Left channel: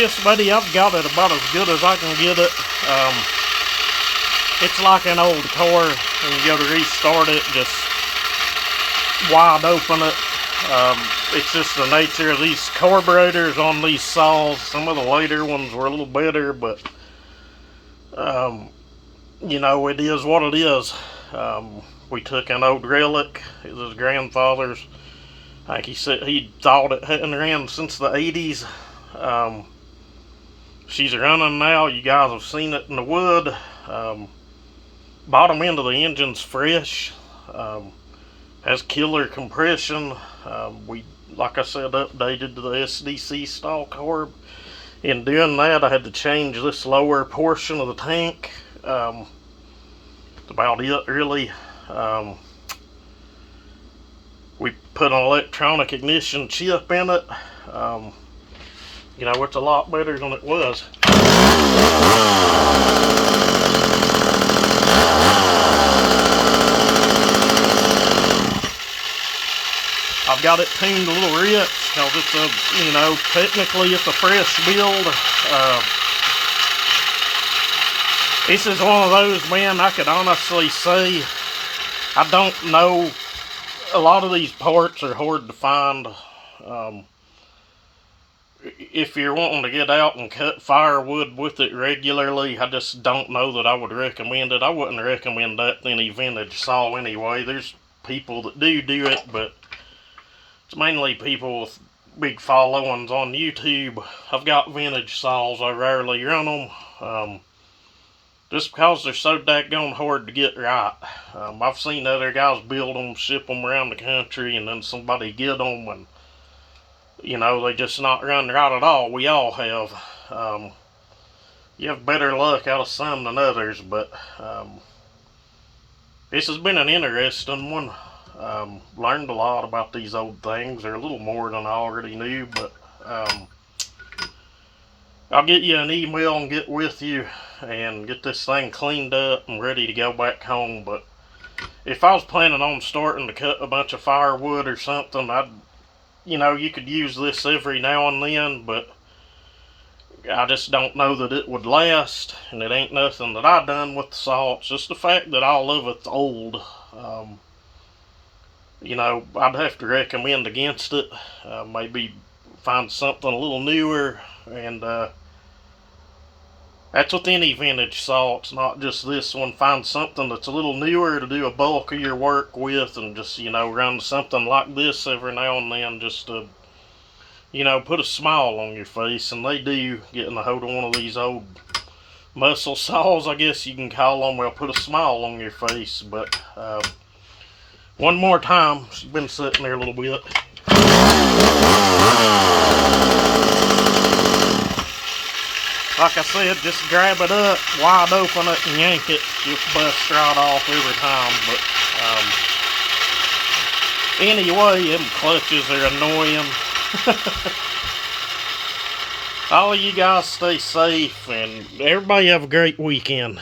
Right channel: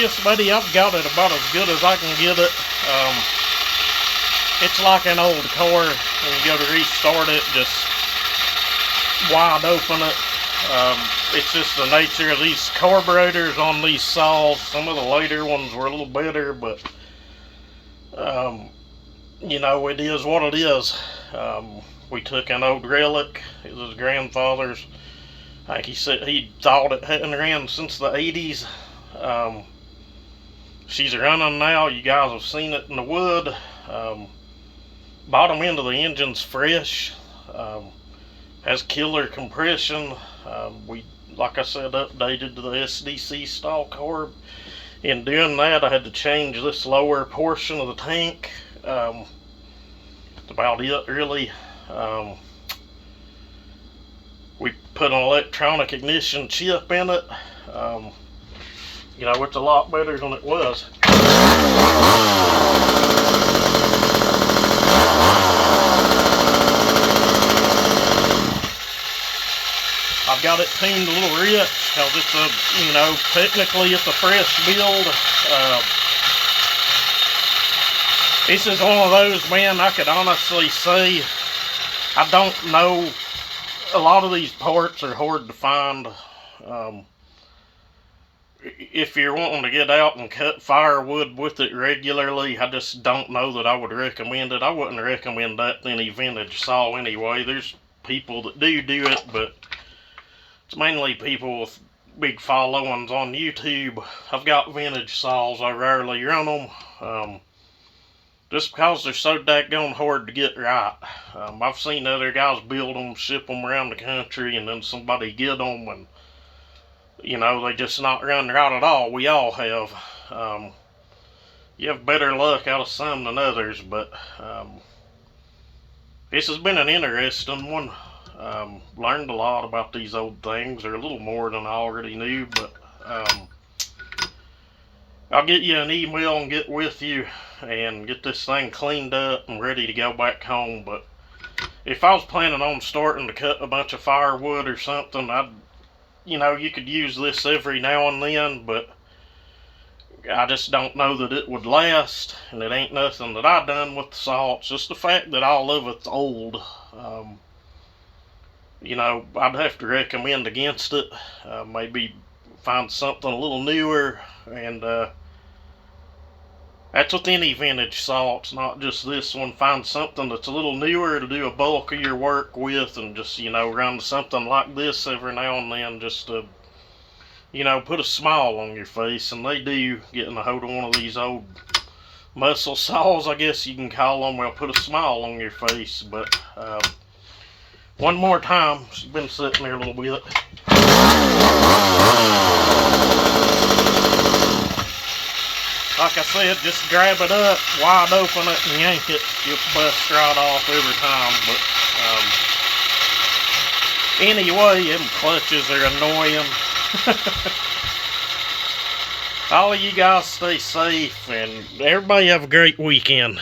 Chris, buddy, I've got it about as good as I can get it. It's like an old car, and you go to restart it, just wide open it. It's just the nature of these carburetors on these saws. Some of the later ones were a little better, but you know, it is what it is. We took an old relic. It was his grandfather's. Like he said, he thought it hadn't ran since the 80s. She's running now. You guys have seen it in the wood. Bottom end of the engine's fresh. Has killer compression. We, like I said, updated to the SDC stall carb. In doing that, I had to change this lower portion of the tank. That's about it, really. We put an electronic ignition chip in it. You know, it's a lot better than it was. I've got it tuned a little rich because it's a, you know, technically it's a fresh build. This is one of those, man, I could honestly say, I don't know, a lot of these parts are hard to find. If you're wanting to get out and cut firewood with it regularly, I just don't know that I would recommend it. I wouldn't recommend that to any vintage saw anyway. There's people that do it, but it's mainly people with big followings on YouTube. I've got vintage saws, I rarely run them. Just because they're so daggone hard to get right. I've seen other guys build them, ship them around the country, and then somebody get them, and you know, they just not run right at all. We all have. You have better luck out of some than others, but this has been an interesting one. Learned a lot about these old things, or a little more than I already knew, but I'll get you an email and get with you and get this thing cleaned up and ready to go back home. But if I was planning on starting to cut a bunch of firewood or something, you know, you could use this every now and then, but I just don't know that it would last, and it ain't nothing that I done with the saw. It's just the fact that all of it's old. You know, I'd have to recommend against it. Maybe find something a little newer, and that's with any vintage saw. It's not just this one. Find something that's a little newer to do a bulk of your work with, and just, you know, run something like this every now and then, just to, you know, put a smile on your face. And they do, getting a hold of one of these old muscle saws, I guess you can call them, will put a smile on your face. But one more time, she's been sitting there a little bit. Like I said, just grab it up, wide open it, and yank it. Just bust right off every time. But anyway, them clutches are annoying. All of you guys stay safe, and everybody have a great weekend.